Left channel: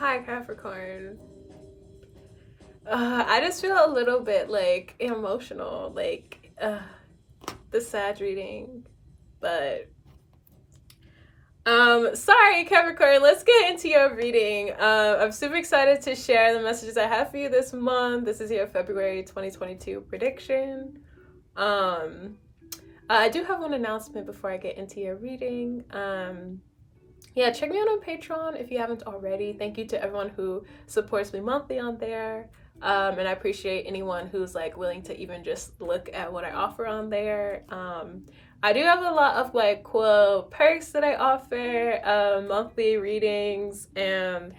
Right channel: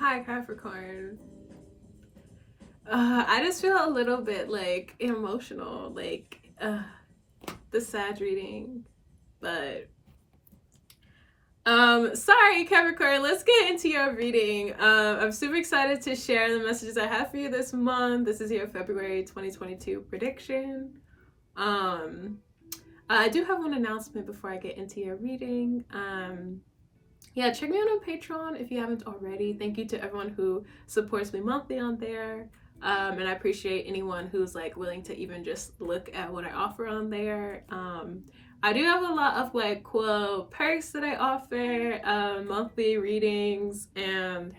Hi, Capricorn. I just feel a little bit like emotional, like the sad reading, but sorry, Capricorn. Let's get into your reading. I'm super excited to share the messages I have for you this month. This is your February 2022 prediction. I do have one announcement before I get into your reading. Yeah, check me out on Patreon if you haven't already. Thank you to everyone who supports me monthly on there. And I appreciate anyone who's like willing to even just look at what I offer on there. I do have a lot of like cool perks that I offer, monthly readings and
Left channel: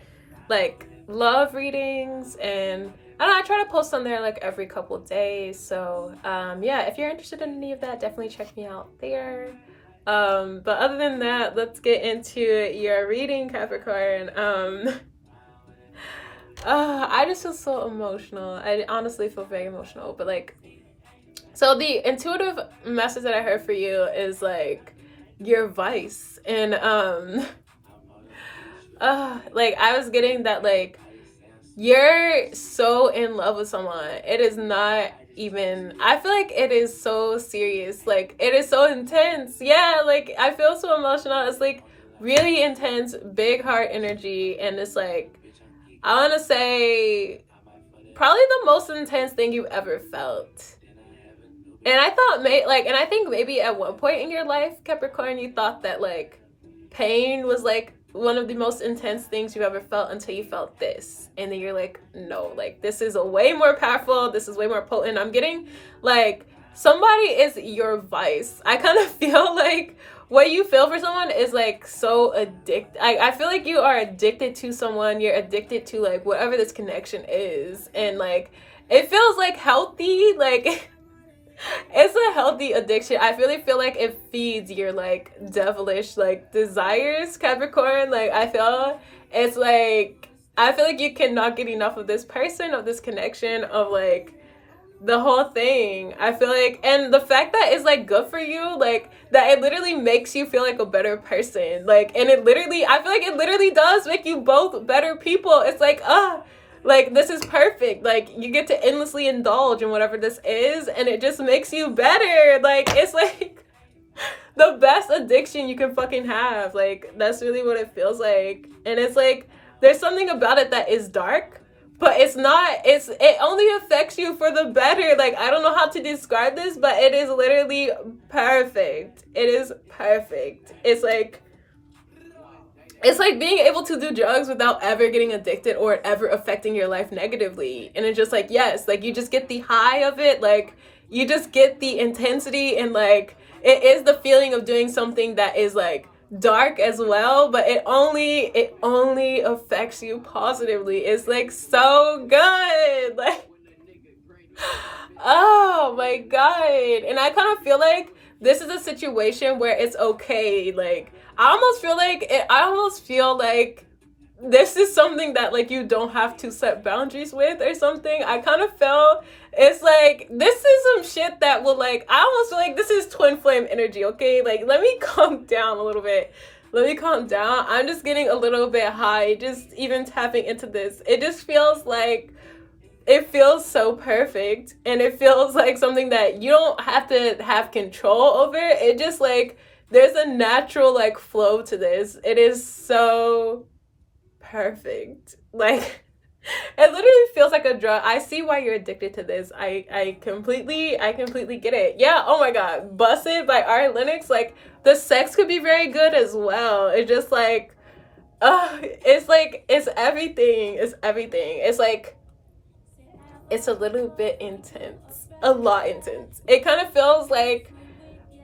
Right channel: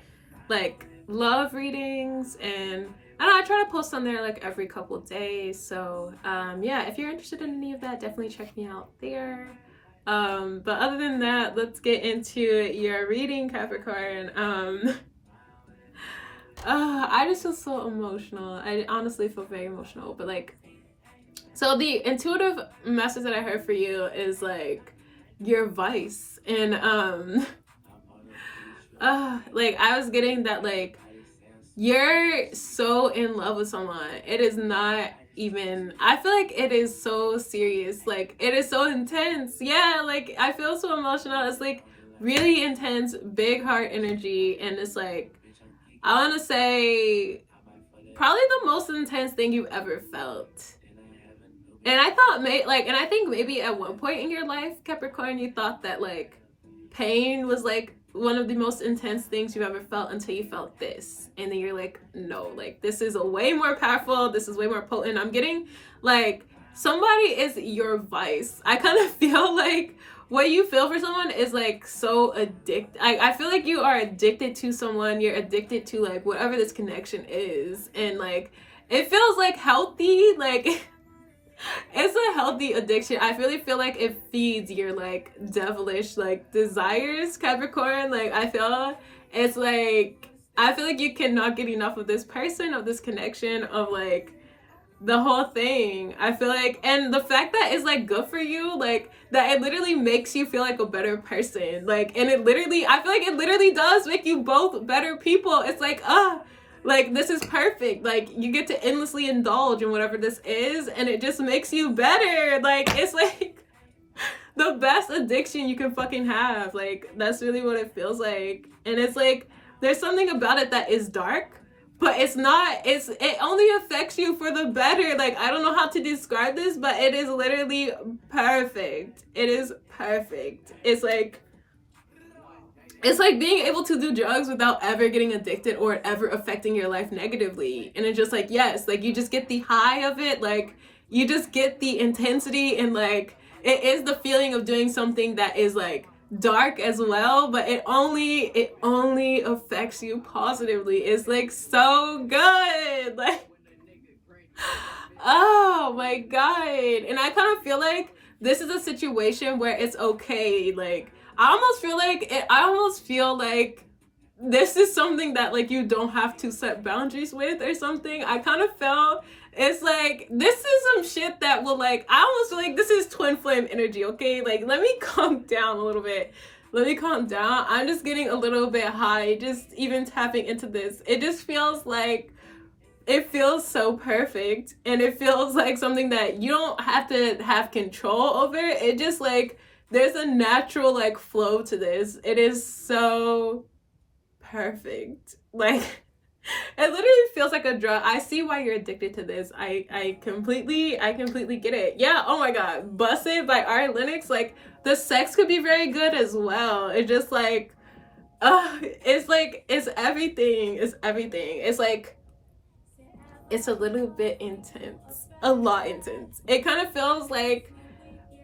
like love readings, and I don't know, I try to post on there like every couple days. So yeah, if you're interested in any of that, definitely check me out there. But other than that, let's get into your reading, Capricorn. I just feel so emotional. I honestly feel very emotional, but like, so the intuitive message that I heard for you is like your vice, and like I was getting that like you're so in love with someone. It is not even, I feel like it is so serious. Like it is so intense. Yeah, like I feel so emotional. It's like really intense, big heart energy, and it's like I want to say probably the most intense thing you've ever felt. And I thought and I think maybe at one point in your life, Capricorn, you thought that like pain was like one of the most intense things you've ever felt until you felt this. And then you're like, no, like this is a way more powerful. This is way more potent. I'm getting like somebody is your vice. I kind of feel like what you feel for someone is like so addicted. I feel like you are addicted to someone. You're addicted to like whatever this connection is. And like it feels like healthy. Like it's a healthy addiction. I really feel like it feeds your like devilish like desires, Capricorn. Like I feel it's like I feel like you cannot get enough of this person, of this connection, of like the whole thing. I feel like, and the fact that it's like good for you, like that it literally makes you feel like a better person. Like, and it literally, I feel like it literally does make you both better people. It's like this is perfect. Like you get to endlessly indulge in whatever this is, and it just makes you better. Like it's like the best addiction you can fucking have. Like that's really what it feels like. And it's like there's something about it that is dark, but it's not, it only affects you for the better. Like I don't know how to describe this, but it is literally perfect. It is perfect. It's like being able to do drugs without ever getting addicted or ever affecting your life negatively. And it's just like, yes, like you just get the high of it. Like you just get the intensity, and like it is the feeling of doing something that is like dark as well, but it only affects you positively. It's like so good. Like oh my god. And I kind of feel like this is a situation where it's okay. Like I almost feel like this is something that like you don't have to set boundaries with or something. I kind of felt it's like this is some shit that will like, I almost feel like this is twin flame energy. Okay, like let me calm down a little bit. Let me calm down. I'm just getting a little bit high just even tapping into this. It just feels like it feels so perfect, and it feels like something that you don't have to have control over. It just like there's a natural like flow to this. It is so perfect. Like it literally feels like a drug. I see why you're addicted to this. I completely get it. Yeah, oh my god. Busted by Ari Lennox. Like the sex could be very good as well. It's just like it's everything. It's everything. It's like it's a little bit intense. A lot intense. It kind of feels like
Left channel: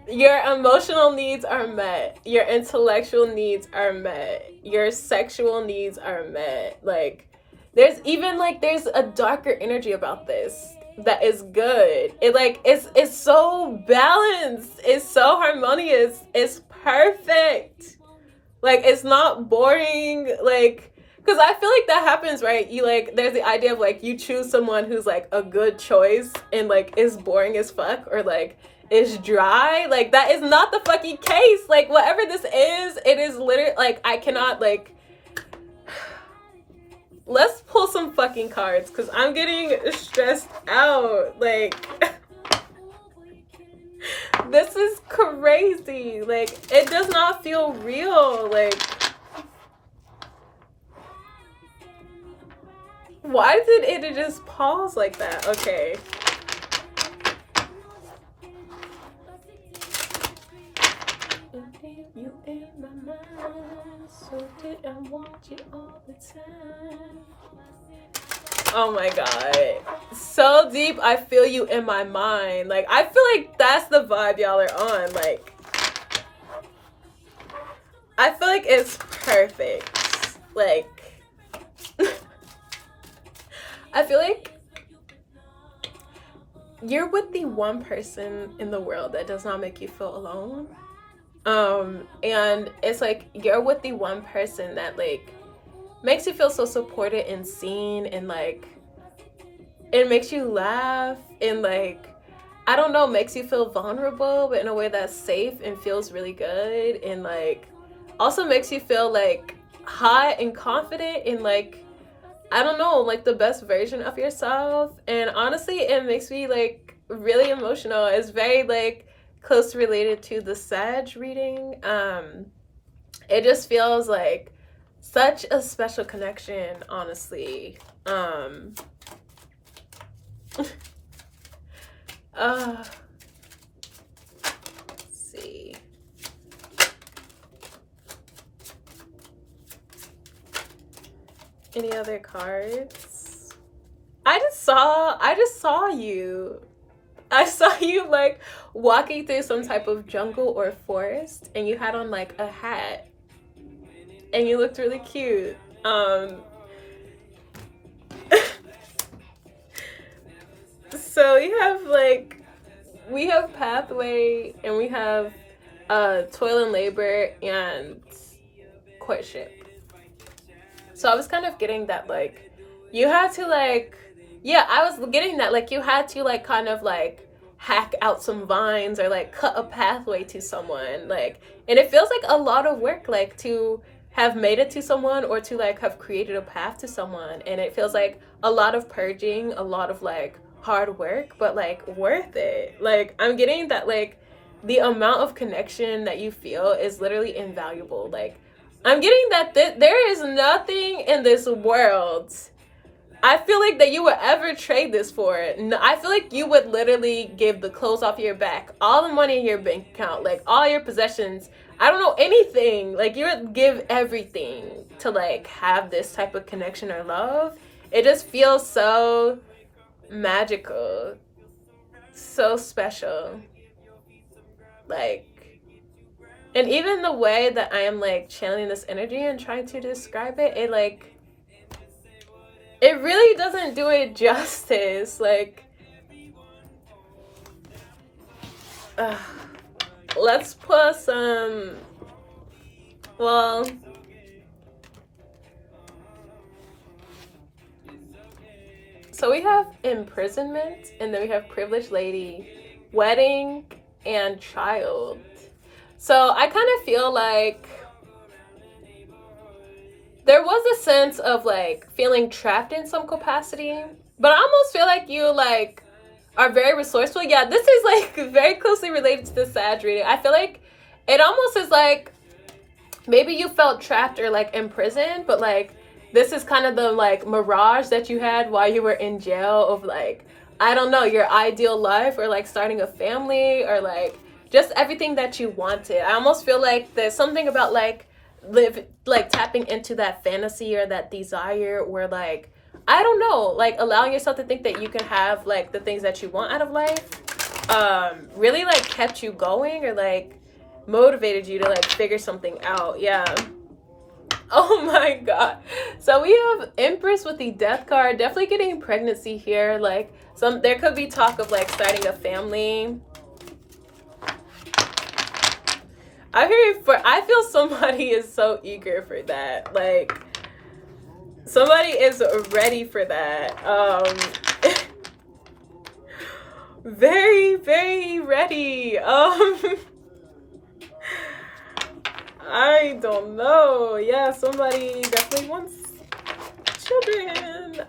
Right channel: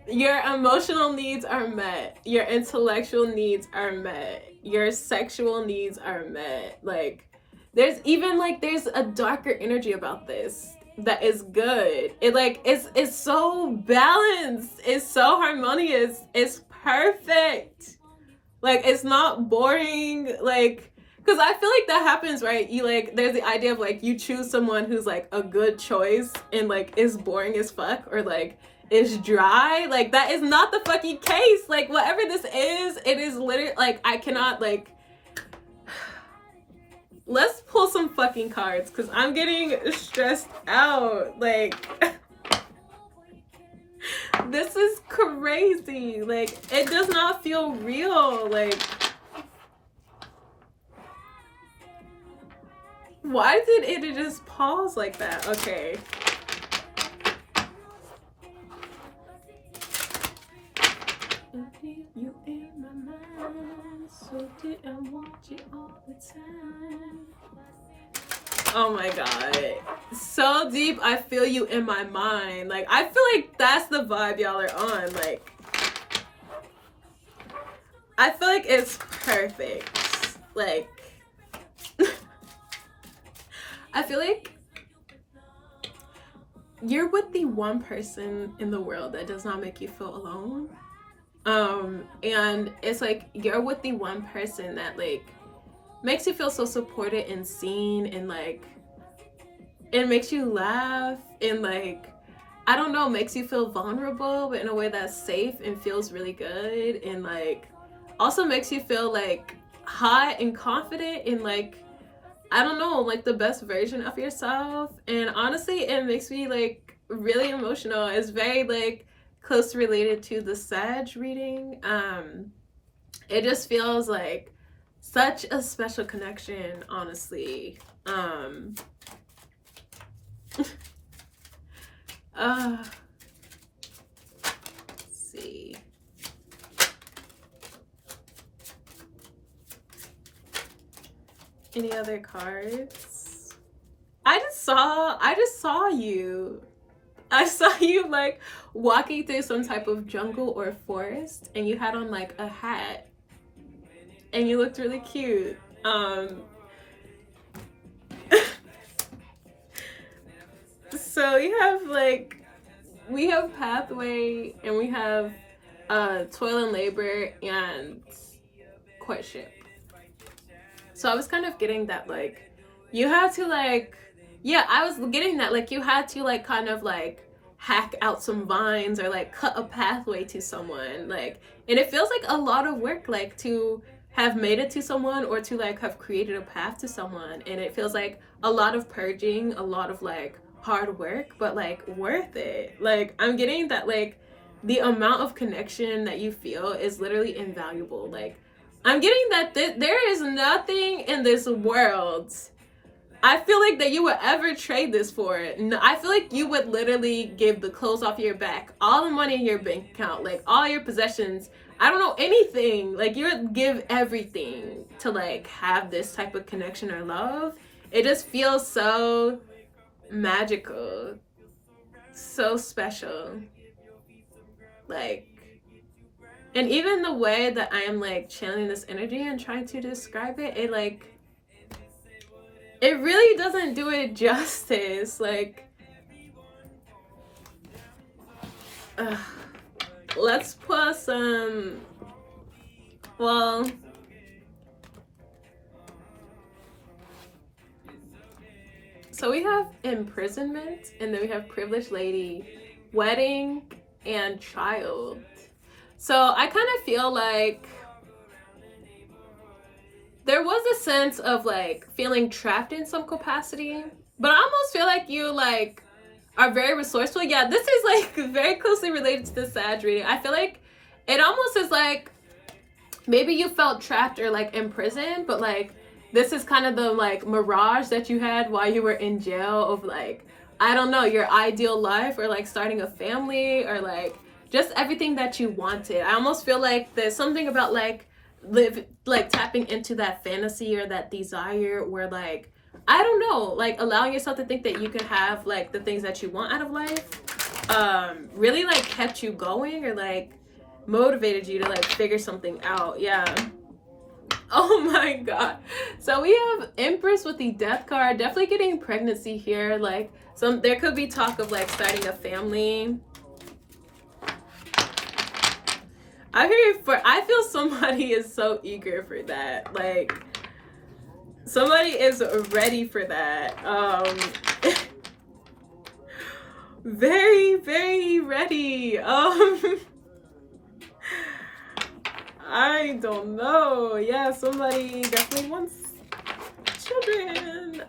your emotional needs are met, your intellectual needs are met, your sexual needs are met. Like there's even like there's a darker energy about this that is good. It like it's so balanced, it's so harmonious, it's perfect. Like it's not boring. Like because I feel like that happens, right? You like there's the idea of like you choose someone who's like a good choice and like is boring as fuck, or like is dry. Like that is not the fucking case. Like whatever this is, it is literally like I cannot like let's pull some fucking cards, because I'm getting stressed out. Like, this is crazy. Like, it does not feel real. Like, why did it just pause like that? Okay. You in my mind, so did I want you all the time. Oh my god. So deep, I feel you in my mind. Like, I feel like that's the vibe y'all are on. Like, I feel like it's perfect. Like, I feel like you're with the one person in the world that does not make you feel alone. And it's like you're with the one person that like makes you feel so supported and seen, and like it makes you laugh, and like, I don't know, makes you feel vulnerable, but in a way that's safe and feels really good, and like also makes you feel like hot and confident, and like, I don't know, like the best version of yourself. And honestly, it makes me like really emotional. It's very like close related to the Sag reading. It just feels like such a special connection, honestly. Let's see. Any other cards? I just saw you. I saw you like walking through some type of jungle or forest, and you had on like a hat, and you looked really cute. So we have pathway, and we have toil and labor and courtship. So I was kind of getting that like you had to like, yeah, I was getting that like you had to like kind of like hack out some vines or like cut a pathway to someone, like, and it feels like a lot of work, like to have made it to someone or to like have created a path to someone. And it feels like a lot of purging, a lot of like hard work, but like worth it. Like, I'm getting that like the amount of connection that you feel is literally invaluable. Like, I'm getting that there is nothing in this world I feel like that you would ever trade this for. No, I feel like you would literally give the clothes off your back, all the money in your bank account, like all your possessions, I don't know, anything. Like, you would give everything to like have this type of connection or love. It just feels so magical, so special. Like, and even the way that I am like channeling this energy and trying to describe it, it like, it really doesn't do it justice. Like, let's put some, well, so we have imprisonment, and then we have privileged lady, wedding, and child. So I kind of feel like there was a sense of like feeling trapped in some capacity, but I almost feel like you like are very resourceful. Yeah, this is like very closely related to the Sag reading. I feel like it almost is like maybe you felt trapped or like imprisoned, but like this is kind of the like mirage that you had while you were in jail of like, I don't know, your ideal life, or like starting a family, or like just everything that you wanted. I almost feel like there's something about like tapping into that fantasy or that desire where like, I don't know, like allowing yourself to think that you can have like the things that you want out of life really like kept you going, or like motivated you to like figure something out. Yeah. Oh my god. So we have Empress with the Death card, definitely getting pregnancy here. Like, there could be talk of like starting a family. I feel somebody is so eager for that. Like, somebody is ready for that. Very, very ready. I don't know. Yeah, somebody definitely wants children.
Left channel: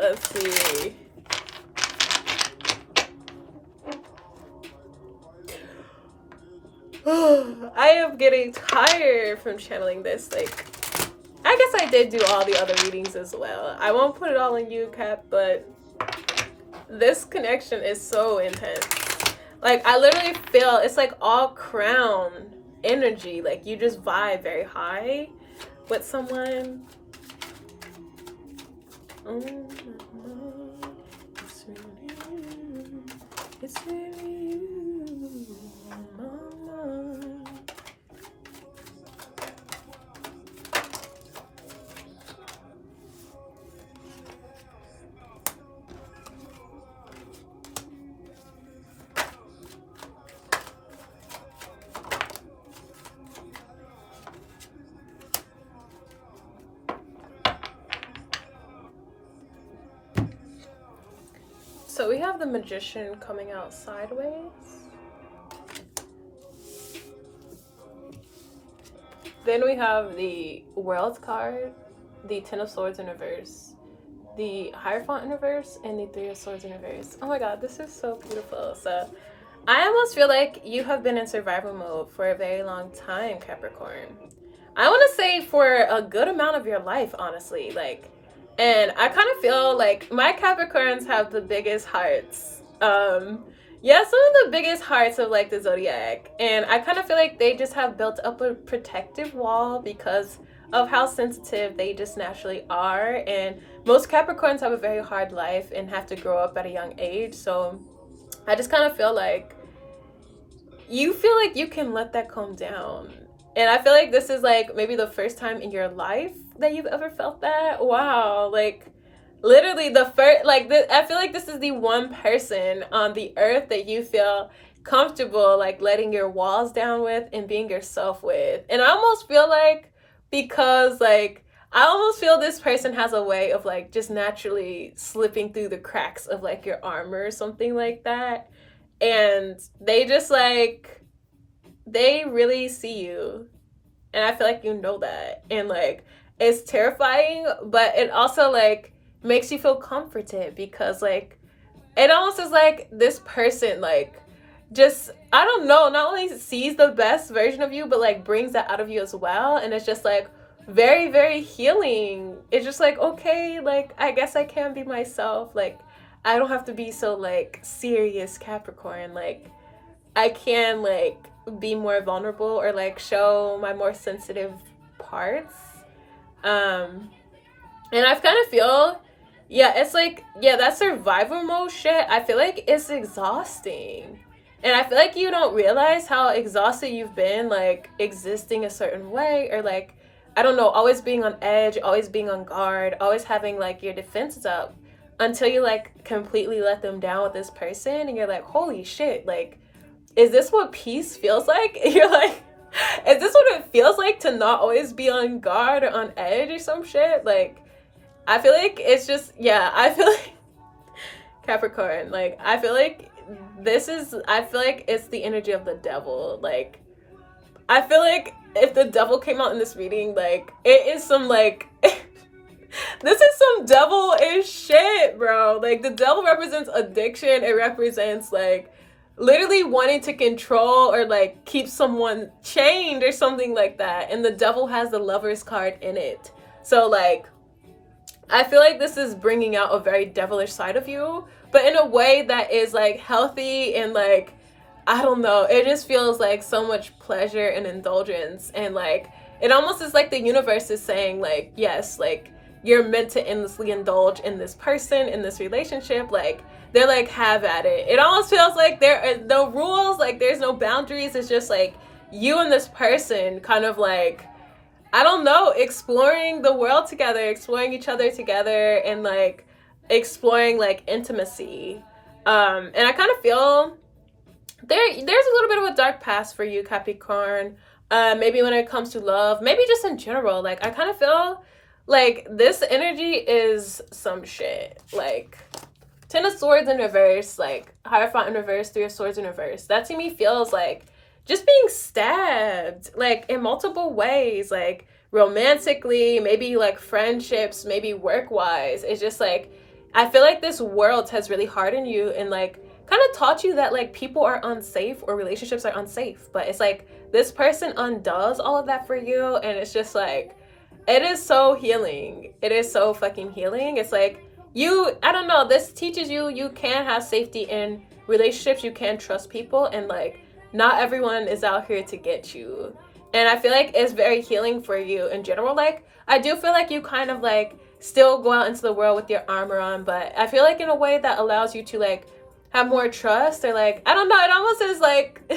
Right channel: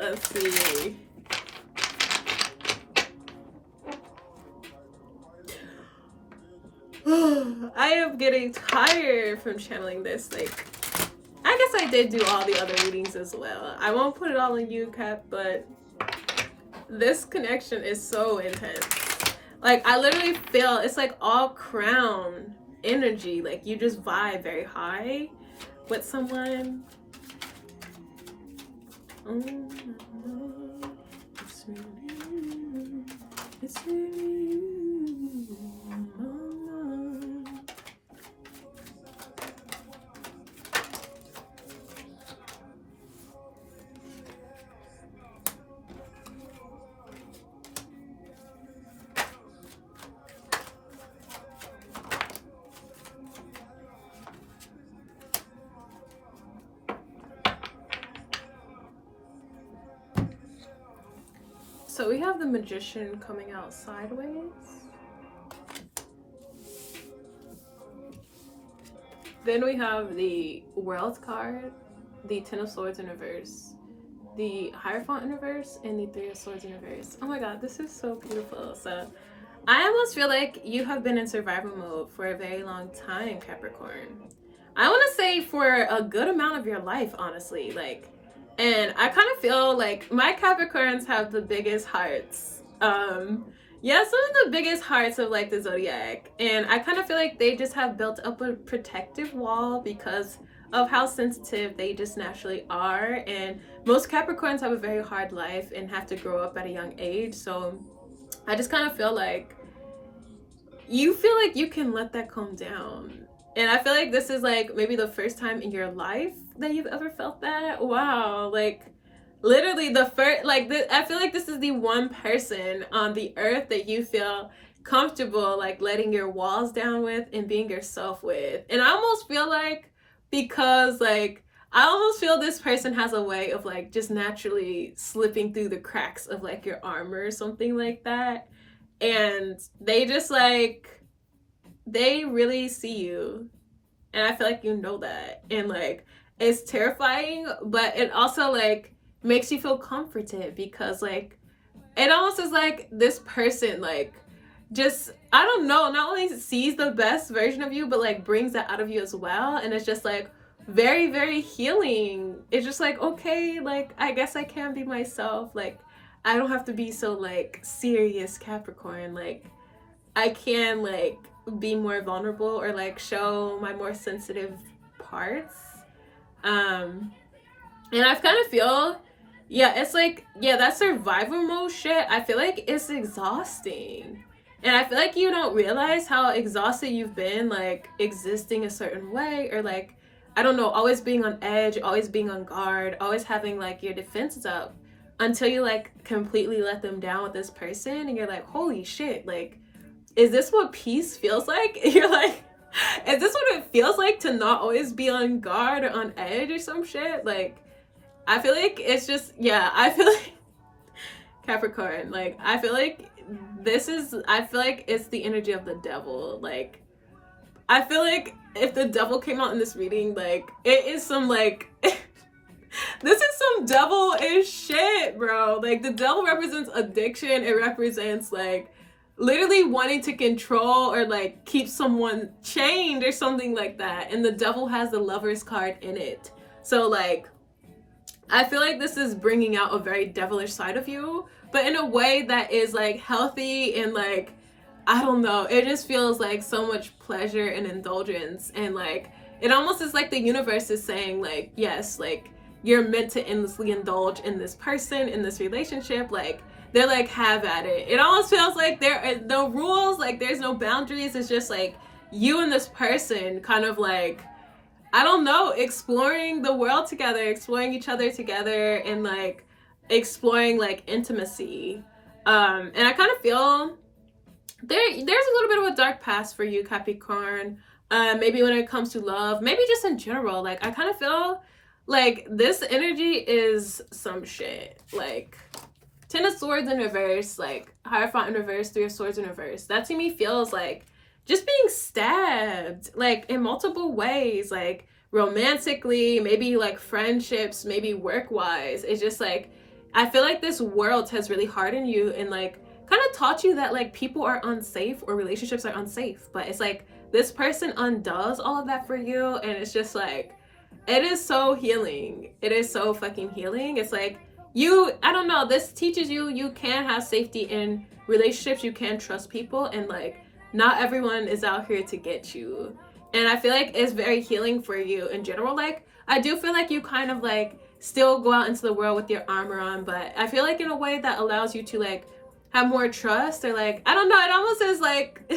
Let's see. I am getting tired from channeling this. Like, I guess I did do all the other readings as well. I won't put it all on you, Cap, but this connection is so intense. Like, I literally feel it's like all crown energy. Like, you just vibe very high with someone. It's really you. It's really you. So we have the Magician coming out sideways. Then we have the World card, the Ten of Swords in reverse, the Hierophant in reverse, and the Three of Swords in reverse. Oh my god, this is so beautiful. So I almost feel like you have been in survival mode for a very long time, Capricorn. I want to say for a good amount of your life, honestly. Like, and I kind of feel like my Capricorns have the biggest hearts. Yeah, some of the biggest hearts of like the zodiac. And I kind of feel like they just have built up a protective wall because of how sensitive they just naturally are. And most Capricorns have a very hard life and have to grow up at a young age. So I just kind of feel like you feel like you can let that calm down. And I feel like this is like maybe the first time in your life that you've ever felt that. Wow, like literally the first, like I feel like this is the one person on the earth that you feel comfortable like letting your walls down with and being yourself with. And I almost feel like because like I almost feel this person has a way of like just naturally slipping through the cracks of like your armor or something like that. And they just like, they really see you. And I feel like you know that. And like, it's terrifying, but it also like makes you feel comforted because like, it almost is like this person like just, I don't know, not only sees the best version of you, but like brings that out of you as well. And it's just like very, very healing. It's just like, okay, like, I guess I can be myself. Like, I don't have to be so like serious Capricorn. Like, I can like be more vulnerable or like show my more sensitive parts. And I kind of feel, yeah, it's like, yeah, that survival mode shit, I feel like it's exhausting. And I feel like you don't realize how exhausted you've been, like, existing a certain way, or, like, I don't know, always being on edge, always being on guard, always having, like, your defenses up, until you, like, completely let them down with this person, and you're like, holy shit, like, is this what peace feels like? You're like, is this what it feels like to not always be on guard or on edge or some shit? Like, I feel like it's just, yeah, I feel like, Capricorn, like, I feel like it's the energy of the devil. Like, I feel like if the devil came out in this reading, like, it is some, like, this is some devil-ish shit, bro. Like, the devil represents addiction. It represents, like, literally wanting to control or, like, keep someone chained or something like that. And the devil has the Lover's card in it. So, like, I feel like this is bringing out a very devilish side of you, but in a way that is like healthy and like, I don't know, it just feels like so much pleasure and indulgence. And like, it almost is like the universe is saying like, yes, like you're meant to endlessly indulge in this person, in this relationship. Like, they're like, have at it. It almost feels like there are no rules, like there's no boundaries. It's just like you and this person kind of like, I don't know, exploring the world together, exploring each other together, and like exploring like intimacy. And I kind of feel there's a little bit of a dark past for you, Capricorn. Maybe when it comes to love, maybe just in general. Like, I kind of feel like this energy is some shit. Like, Ten of Swords in reverse, like Hierophant in reverse, Three of Swords in reverse. That to me feels like just being stabbed, like in multiple ways, like romantically, maybe like friendships, maybe work-wise. It's just like, I feel like this world has really hardened you and like kind of taught you that like people are unsafe or relationships are unsafe. But it's like this person undoes all of that for you, and it's just like, it is so healing. It is so fucking healing. It's like, I don't know, this teaches you can have safety in relationships, you can trust people, and like not everyone is out here to get you. And I feel like it's very healing for you in general. Like, I do feel like you kind of like still go out into the world with your armor on, but I feel like in a way that allows you to like have more trust, or like, I don't know, it almost is like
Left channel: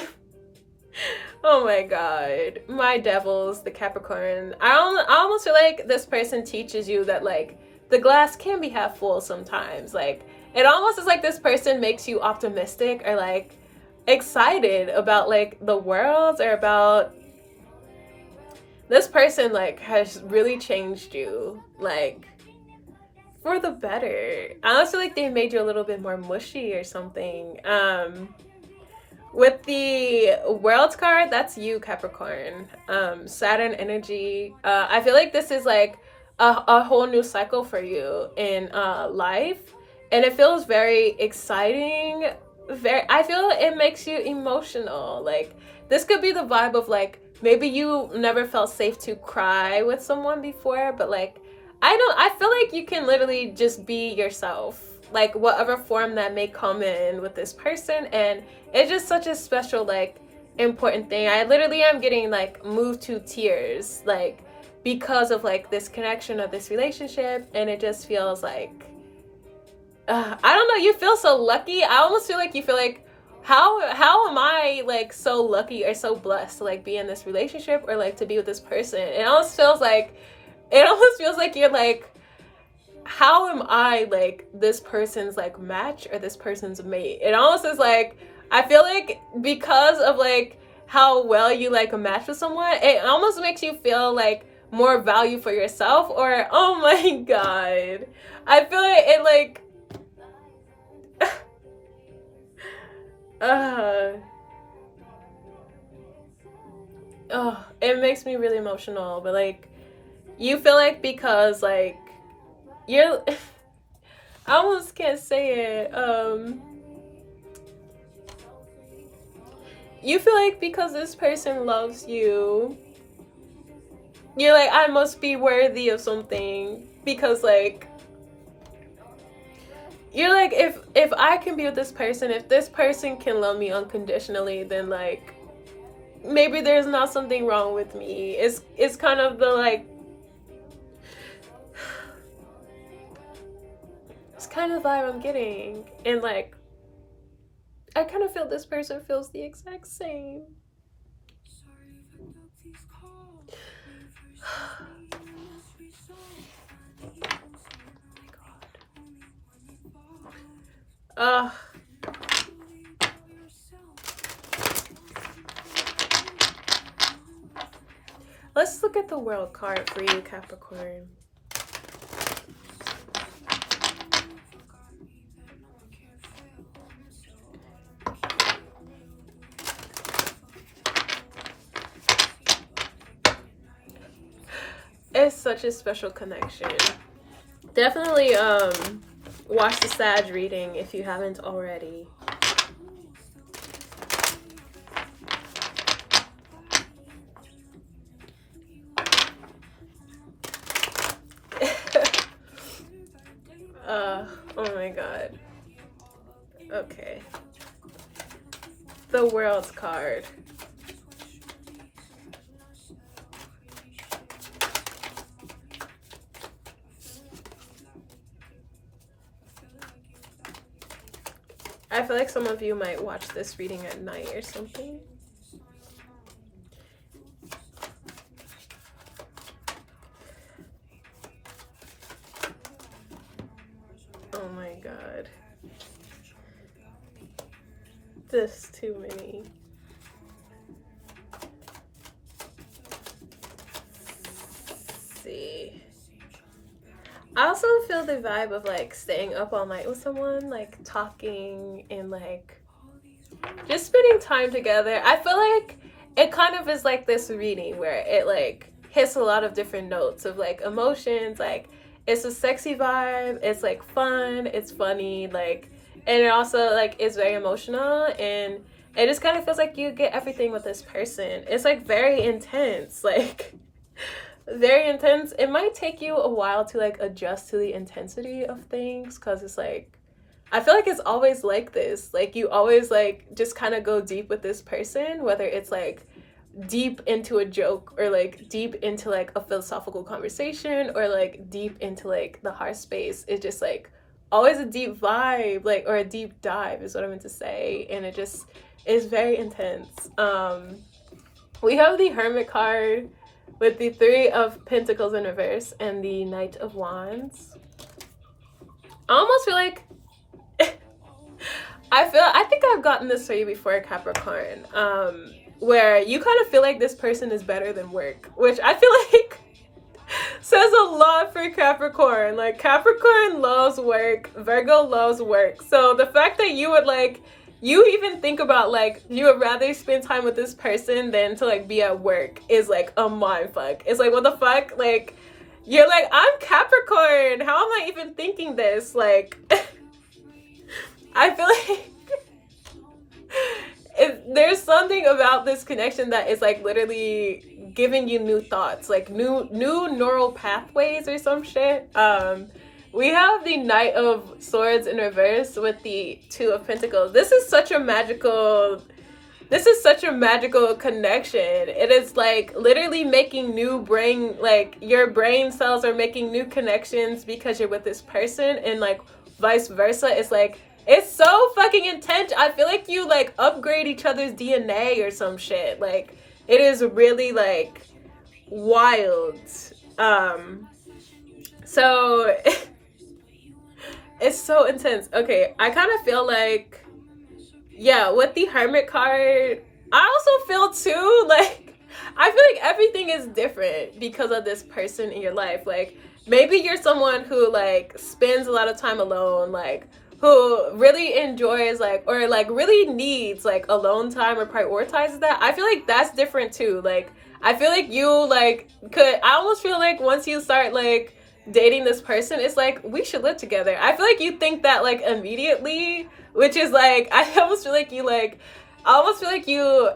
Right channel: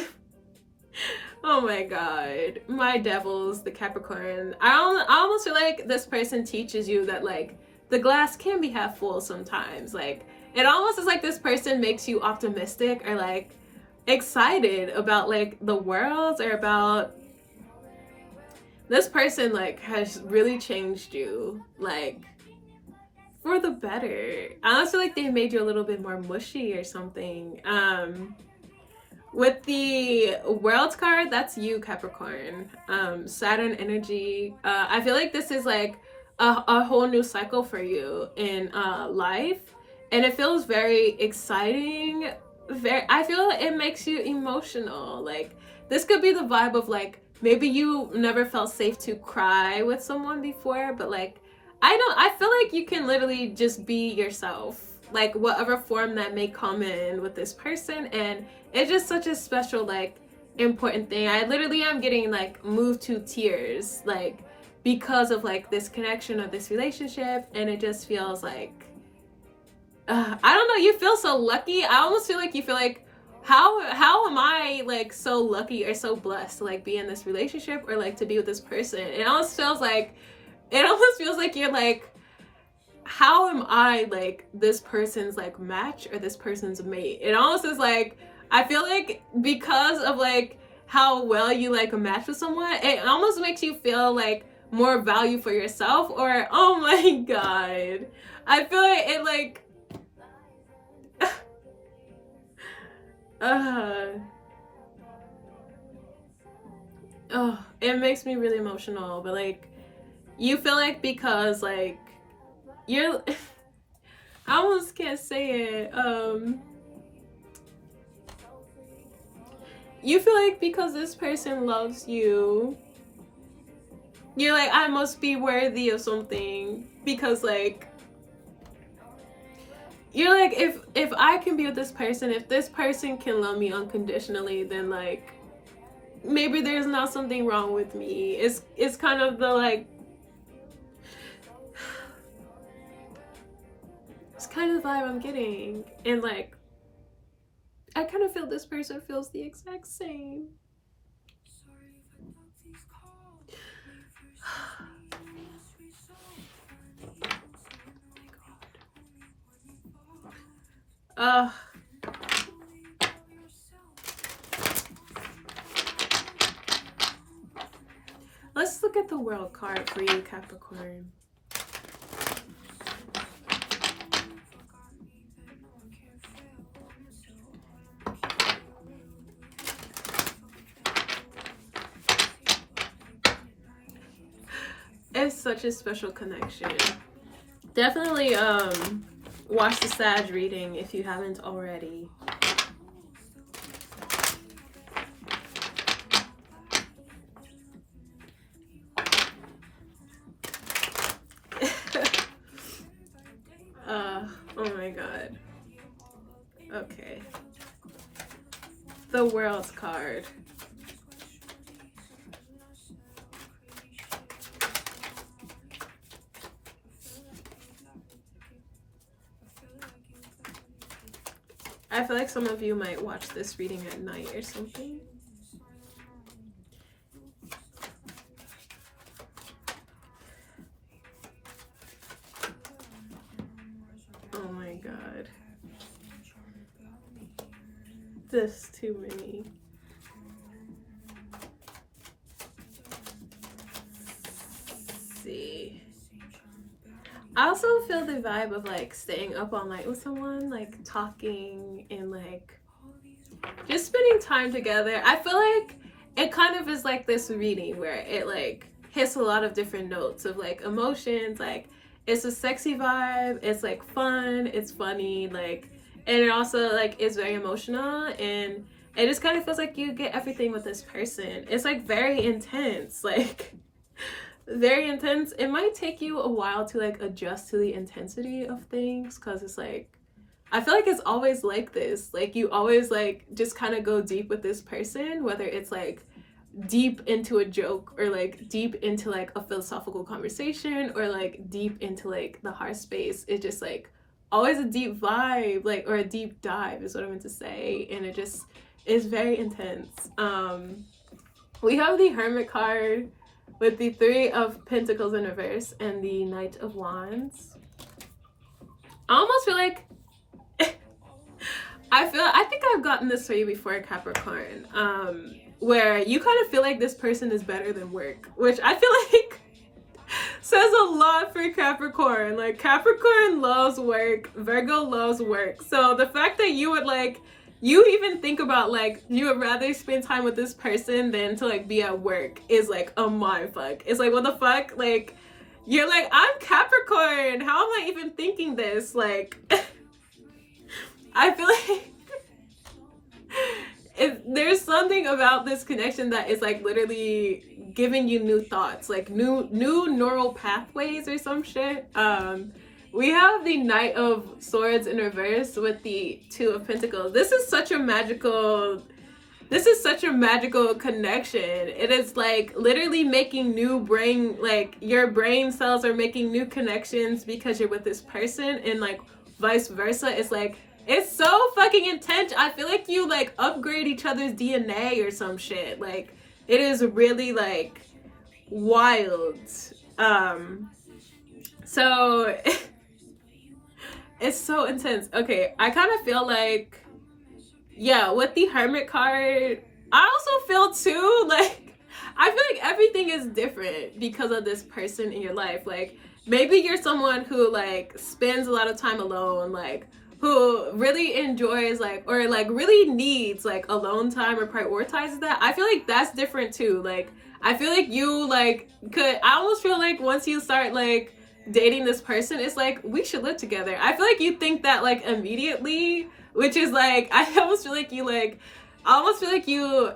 oh my god, my devils, the Capricorn. I almost feel like this person teaches you that like the glass can be half full sometimes. Like, it almost is like this person makes you optimistic or like excited about like the world, or about this person like has really changed you, like for the better. I almost feel like they made you a little bit more mushy or something. With the World card, that's you, Capricorn. Saturn Energy. I feel like this is like a whole new cycle for you in life, and it feels very exciting. I feel it makes you emotional. Like, this could be the vibe of like, maybe you never felt safe to cry with someone before, but like, I feel like you can literally just be yourself, like whatever form that may come in with this person, and it's just such a special, like, important thing. I literally am getting like moved to tears, like, because of like this connection of this relationship, and it just feels like I don't know, you feel so lucky. I almost feel like you feel like, how am I like so lucky or so blessed to like be in this relationship, or like to be with this person. It almost feels like you're like, how am I like this person's like match or this person's mate. It almost is like, I feel like because of like how well you like a match with someone, it almost makes you feel like more value for yourself, or oh my god, I feel like it like it makes me really emotional. But like, you feel like, because like you're I almost can't say it, you feel like because this person loves you, you're like, I must be worthy of something, because like, you're like, if I can be with this person, if this person can love me unconditionally, then like maybe there's not something wrong with me. It's kind of the like, it's kind of the vibe I'm getting. And like, I kind of feel this person feels the exact same. Let's look at the World card for you, Capricorn. It's such a special connection. Definitely watch the Sag reading if you haven't already. Oh my god. Okay. The World card. I feel like some of you might watch this reading at night or something. Oh my god. There's too many. Let's see. I also feel the vibe of like staying up all night with someone, like talking and like just spending time together. I feel like it kind of is like this reading where it like hits a lot of different notes of like emotions. Like it's a sexy vibe, it's like fun, it's funny, like, and it also like is very emotional, and it just kind of feels like you get everything with this person. It's like very intense, like very intense. It might take you a while to like adjust to the intensity of things, because it's like I feel like it's always like this. Like you always like just kind of go deep with this person, whether it's like deep into a joke or like deep into like a philosophical conversation or like deep into like the heart space. It's just like always a deep vibe, like, or a deep dive is what I meant to say, and it just is very intense. We have the Hermit card with the Three of Pentacles in reverse and the Knight of Wands. I almost feel like I think I've gotten this for you before, Capricorn, where you kind of feel like this person is better than work, which I feel like says a lot for Capricorn. Like Capricorn loves work, Virgo loves work. So the fact that you would like, you even think about like you would rather spend time with this person than to like be at work is like a mind fuck. It's like, what the fuck? Like you're like, I'm Capricorn, how am I even thinking this? Like I feel like there's something about this connection that is like literally giving you new thoughts, like new neural pathways or some shit. We have the Knight of Swords in reverse with the Two of Pentacles. This is such a magical connection. It is like literally making new brain, like your brain cells are making new connections because you're with this person, and like vice versa. It's like, it's so fucking intense. I feel like you like upgrade each other's DNA or some shit. Like it is really like wild. So it's so intense. Okay, I kind of feel like, yeah, with the Hermit card, I also feel too like, I feel like everything is different because of this person in your life. Like maybe you're someone who like spends a lot of time alone, like who really enjoys like, or like really needs like alone time or prioritizes that. I feel like that's different too. Like I feel like you like I almost feel like once you start like dating this person, it's like, we should live together. I feel like you think that like immediately, which is like, I almost feel like you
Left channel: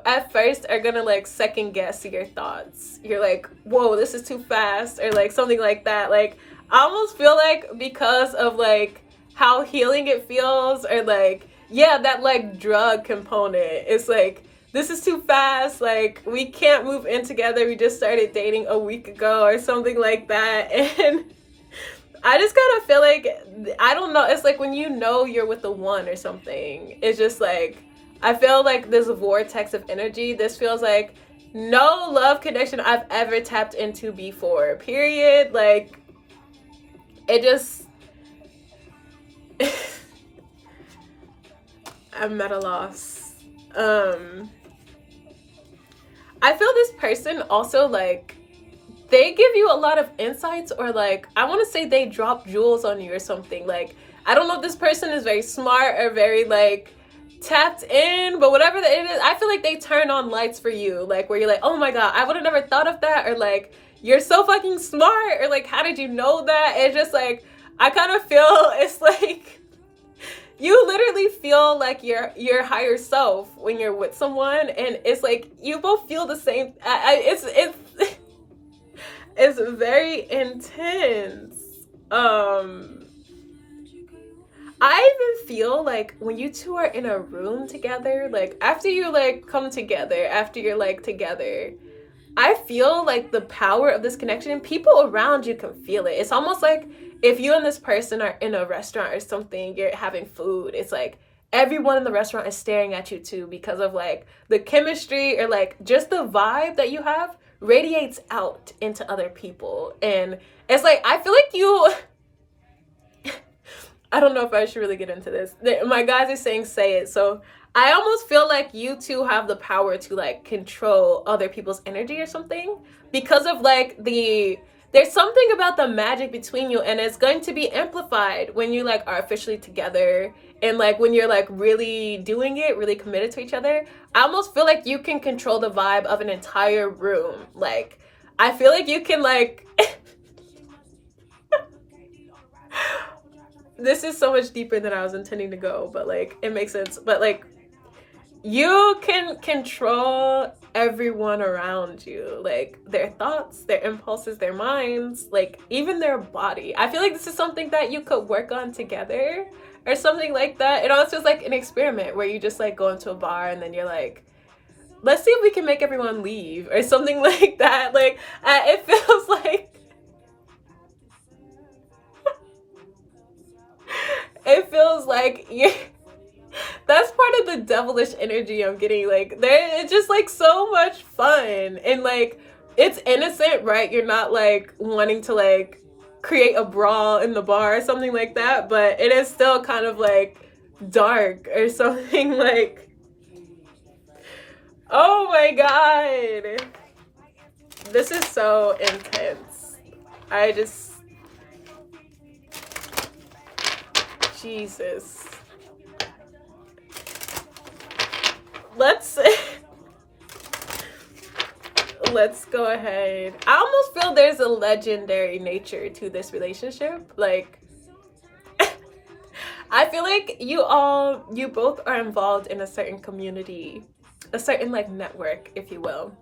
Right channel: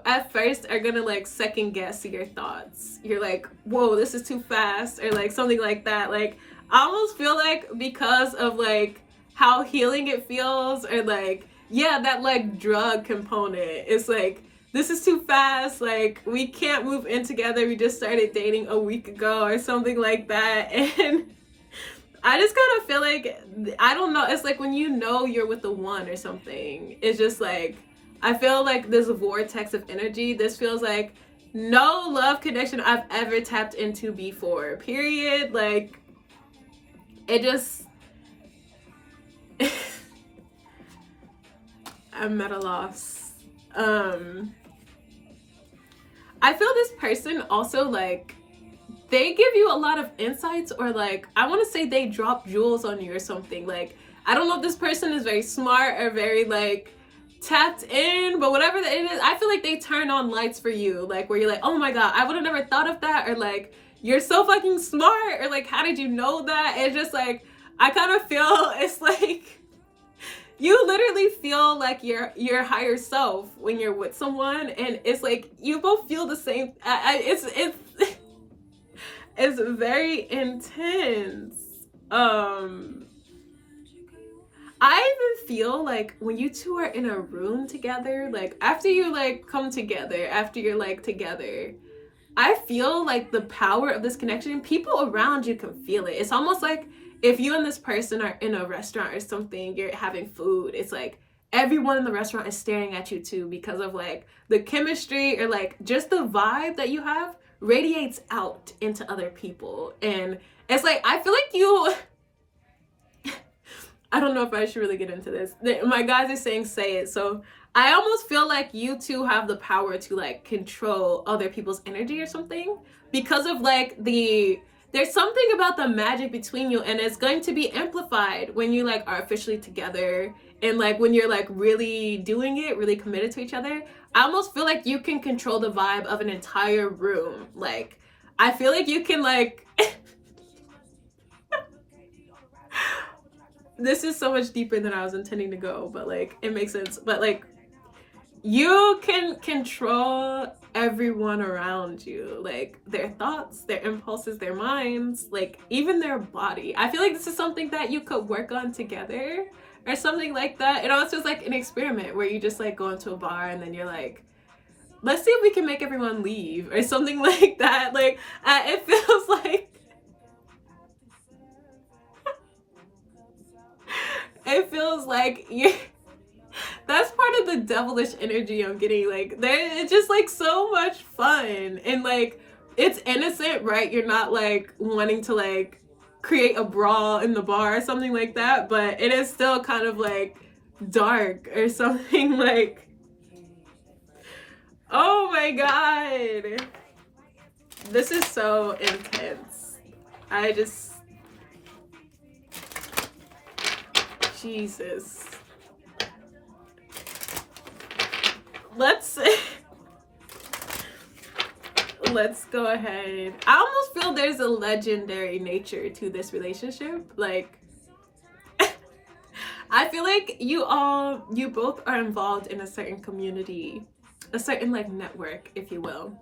at first are gonna like second guess your thoughts. You're like, whoa, this is too fast, or like something like that. Like I almost feel like because of like how healing it feels, or like, yeah, that like drug component, it's like, this is too fast, like we can't move in together, we just started dating a week ago or something like that. And I just kind of feel like, I don't know, it's like when you know you're with the one or something, it's just like, I feel like this vortex of energy, this feels like no love connection I've ever tapped into before, period. Like it just I'm at a loss. I feel this person also like, they give you a lot of insights, or like, I want to say they drop jewels on you or something. Like, I don't know if this person is very smart or very like tapped in, but whatever it is, I feel like they turn on lights for you, like where you're like, oh my god, I would have never thought of that, or like, you're so fucking smart, or like, how did you know that? It's just like, I kind of feel it's like you literally feel like your higher self when you're with someone, and it's like you both feel the same. It's it's very intense. I even feel like when you two are in a room together, like after you like come together, after you're like together, I feel like the power of this connection, people around you can feel it. It's almost like if you and this person are in a restaurant or something, you're having food, it's like everyone in the restaurant is staring at you too, because of like the chemistry, or like just the vibe that you have radiates out into other people. And it's like, I feel like you I don't know if I should really get into this. My guys are saying say it. So I almost feel like you two have the power to like control other people's energy or something, because of like the there's something about the magic between you, and it's going to be amplified when you like are officially together, and like when you're like really doing it, really committed to each other. I almost feel like you can control the vibe of an entire room. Like I feel like you can like this is so much deeper than I was intending to go, but like it makes sense. But like you can control everyone around you, like their thoughts, their impulses, their minds, like even their body. I feel like this is something that you could work on together or something like that. It almost feels like an experiment where you just like go into a bar and then you're like, let's see if we can make everyone leave or something like that. Like it feels like it feels like you that's part of the devilish energy I'm getting. Like it's just like so much fun, and like it's innocent, right? You're not like wanting to like create a brawl in the bar or something like that, but it is still kind of like dark or something. Like, oh my god, this is so intense. I just, Jesus. Let's go ahead. I almost feel there's a legendary nature to this relationship. Like I feel like you both are involved in a certain community, a certain like network, if you will.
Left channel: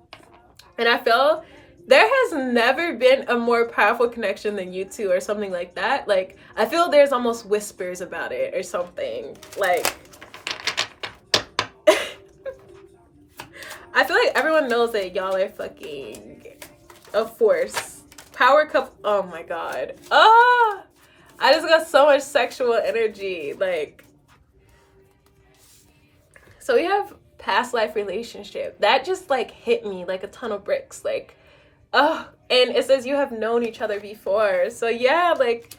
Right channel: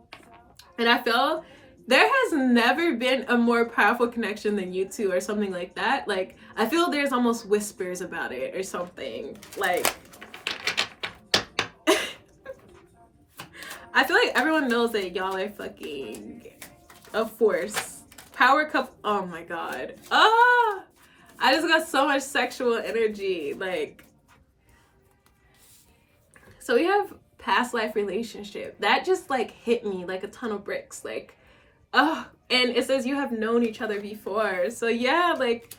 And I feel there has never been a more powerful connection than you two or something like that. Like I feel there's almost whispers about it or something. Like I feel like everyone knows that y'all are fucking a force. Power couple. Oh my god. Ah, I just got so much sexual energy. Like, so we have past life relationship. That just like hit me like a ton of bricks. Like, oh, and it says you have known each other before. So yeah, like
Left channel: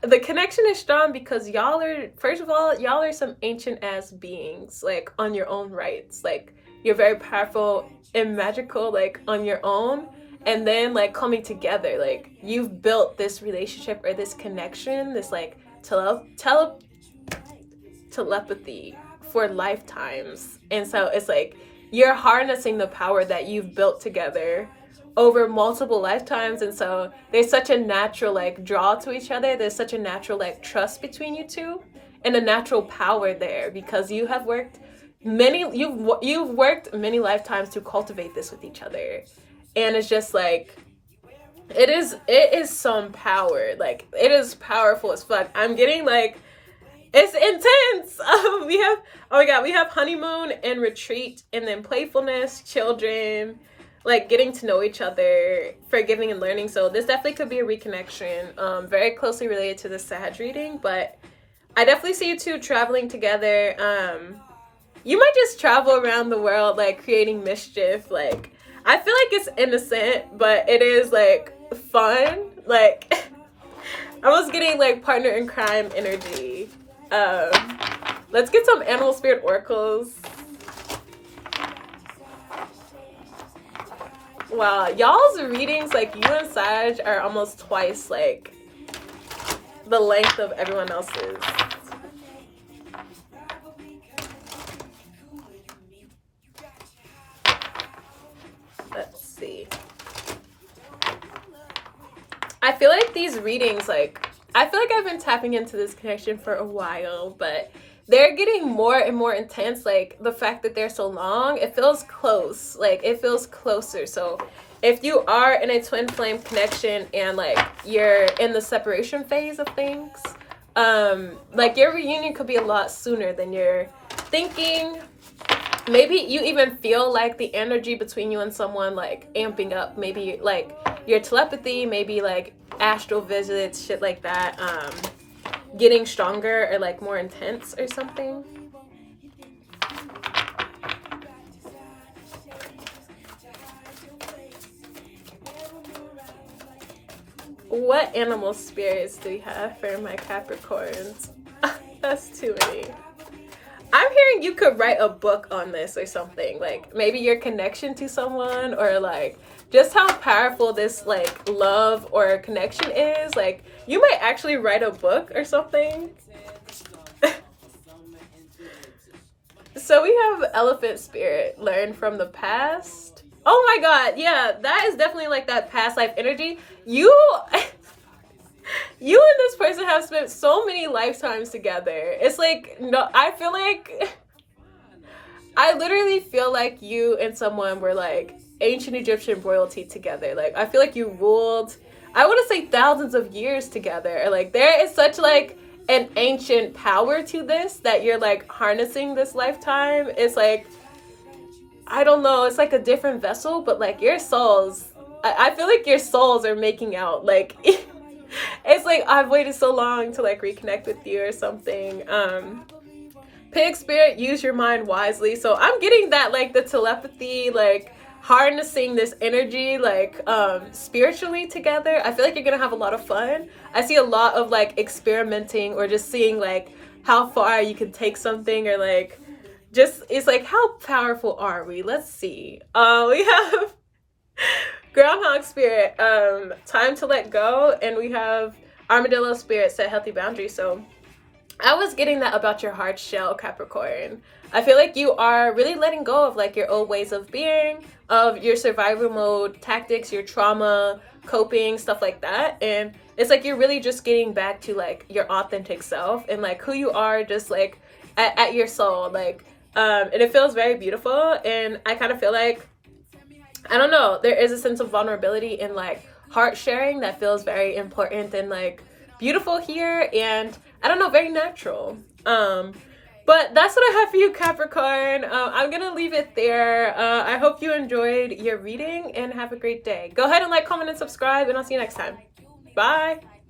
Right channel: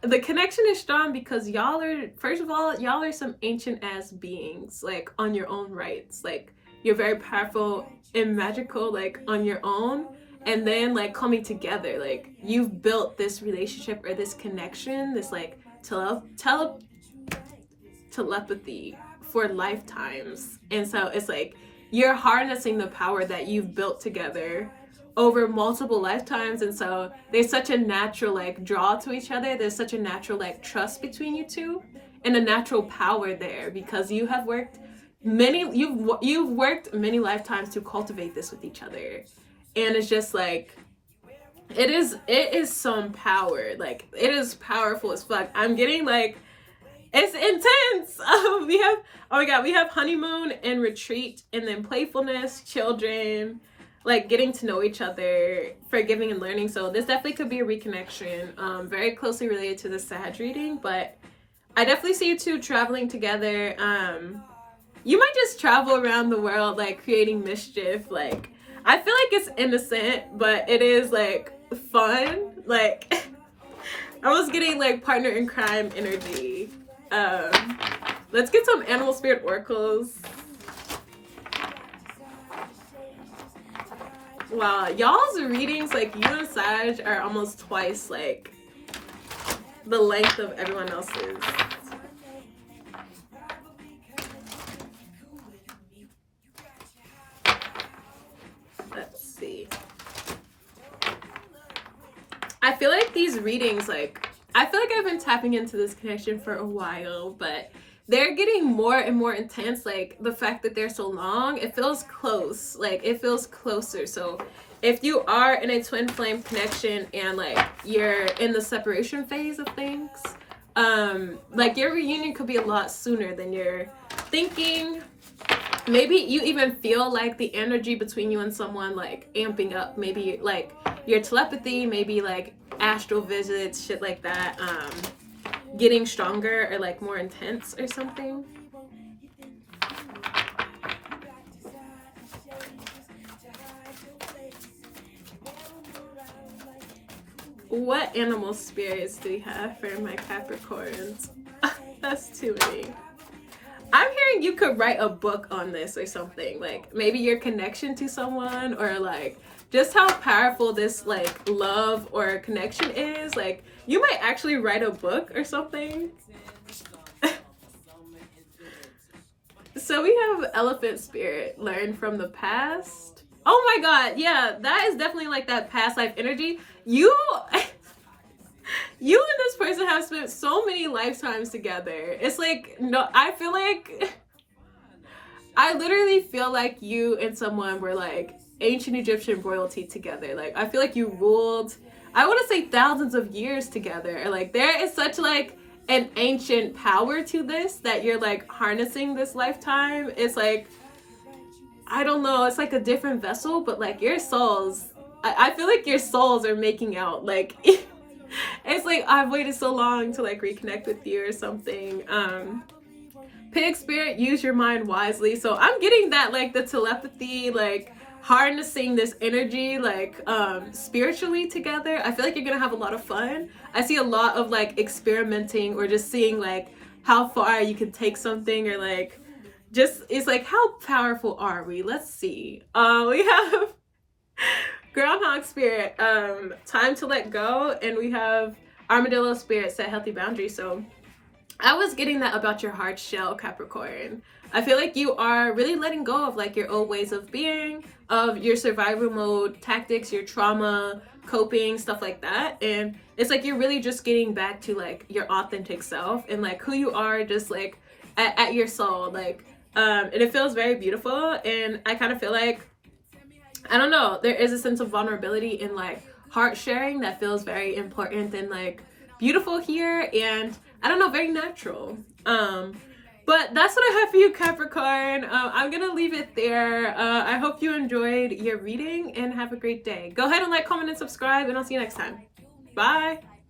the connection is strong because y'all are, first of all, y'all are some ancient ass beings, like on your own rights. Like you're very powerful and magical, like on your own, and then like coming together, like you've built this relationship or this connection, this like telepathy for lifetimes. And so it's like you're harnessing the power that you've built together over multiple lifetimes. And so there's such a natural like draw to each other, there's such a natural like trust between you two, and a natural power there because you have worked you've worked many lifetimes to cultivate this with each other. And it's just like it is some power. Like it is powerful as fuck. I'm getting like, it's intense. We have, oh my god, we have honeymoon and retreat, and then playfulness, children, like getting to know each other, forgiving and learning. So this definitely could be a reconnection, very closely related to the Sag reading. But I definitely see you two traveling together. You might just travel around the world like creating mischief. Like I feel like it's innocent, but it is like fun. Like I was getting like partner in crime energy. Let's get some animal spirit oracles. Wow, y'all's readings, like you and Sag are almost twice like the length of everyone else's. Let's see. I feel like these readings, like, I feel like I've been tapping into this connection for a while, but they're getting more and more intense. Like the fact that they're so long, it feels close, like it feels closer. So if you are in a twin flame connection and like you're in the separation phase of things, like your reunion could be a lot sooner than you're thinking. Maybe you even feel like the energy between you and someone like amping up, maybe like your telepathy, maybe like astral visits, shit like that, getting stronger or like more intense or something. What animal spirits do we have for my Capricorns? That's too many. I'm wondering, you could write a book on this or something, like maybe your connection to someone, or like just how powerful this like love or connection is. Like you might actually write a book or something. So we have elephant spirit, learn from the past. Oh my god, yeah, that is definitely like that past life energy. You you and this person have spent so many lifetimes together. It's like, no, I feel like I literally feel like you and someone were like ancient Egyptian royalty together. Like I feel like you ruled, I want to say thousands of years together. Like there is such like an ancient power to this that you're like harnessing this lifetime. It's like, I don't know, it's like a different vessel, but like your souls, I feel like your souls are making out. Like it's like I've waited so long to like reconnect with you or something. Pig spirit, use your mind wisely. So I'm getting that like the telepathy, like harnessing this energy like spiritually together. I feel like you're gonna have a lot of fun. I see a lot of like experimenting or just seeing like how far you can take something, or like just, it's like, how powerful are we? Let's see. We have groundhog spirit, time to let go, and we have armadillo spirit, set healthy boundaries. So I was getting that about your hard shell, Capricorn. I feel like you are really letting go of like your old ways of being, of your survival mode tactics, your trauma, coping, stuff like that. And it's like you're really just getting back to like your authentic self and like who you are, just like at your soul. Like, and it feels very beautiful. And I kind of feel like, I don't know, there is a sense of vulnerability in like heart sharing that feels very important and like beautiful here, and I don't know, very natural. But that's what I have for you, Capricorn. I'm gonna leave it there. I hope you enjoyed your reading and have a great day. Go ahead and like, comment, and subscribe, and I'll see you next time. Bye.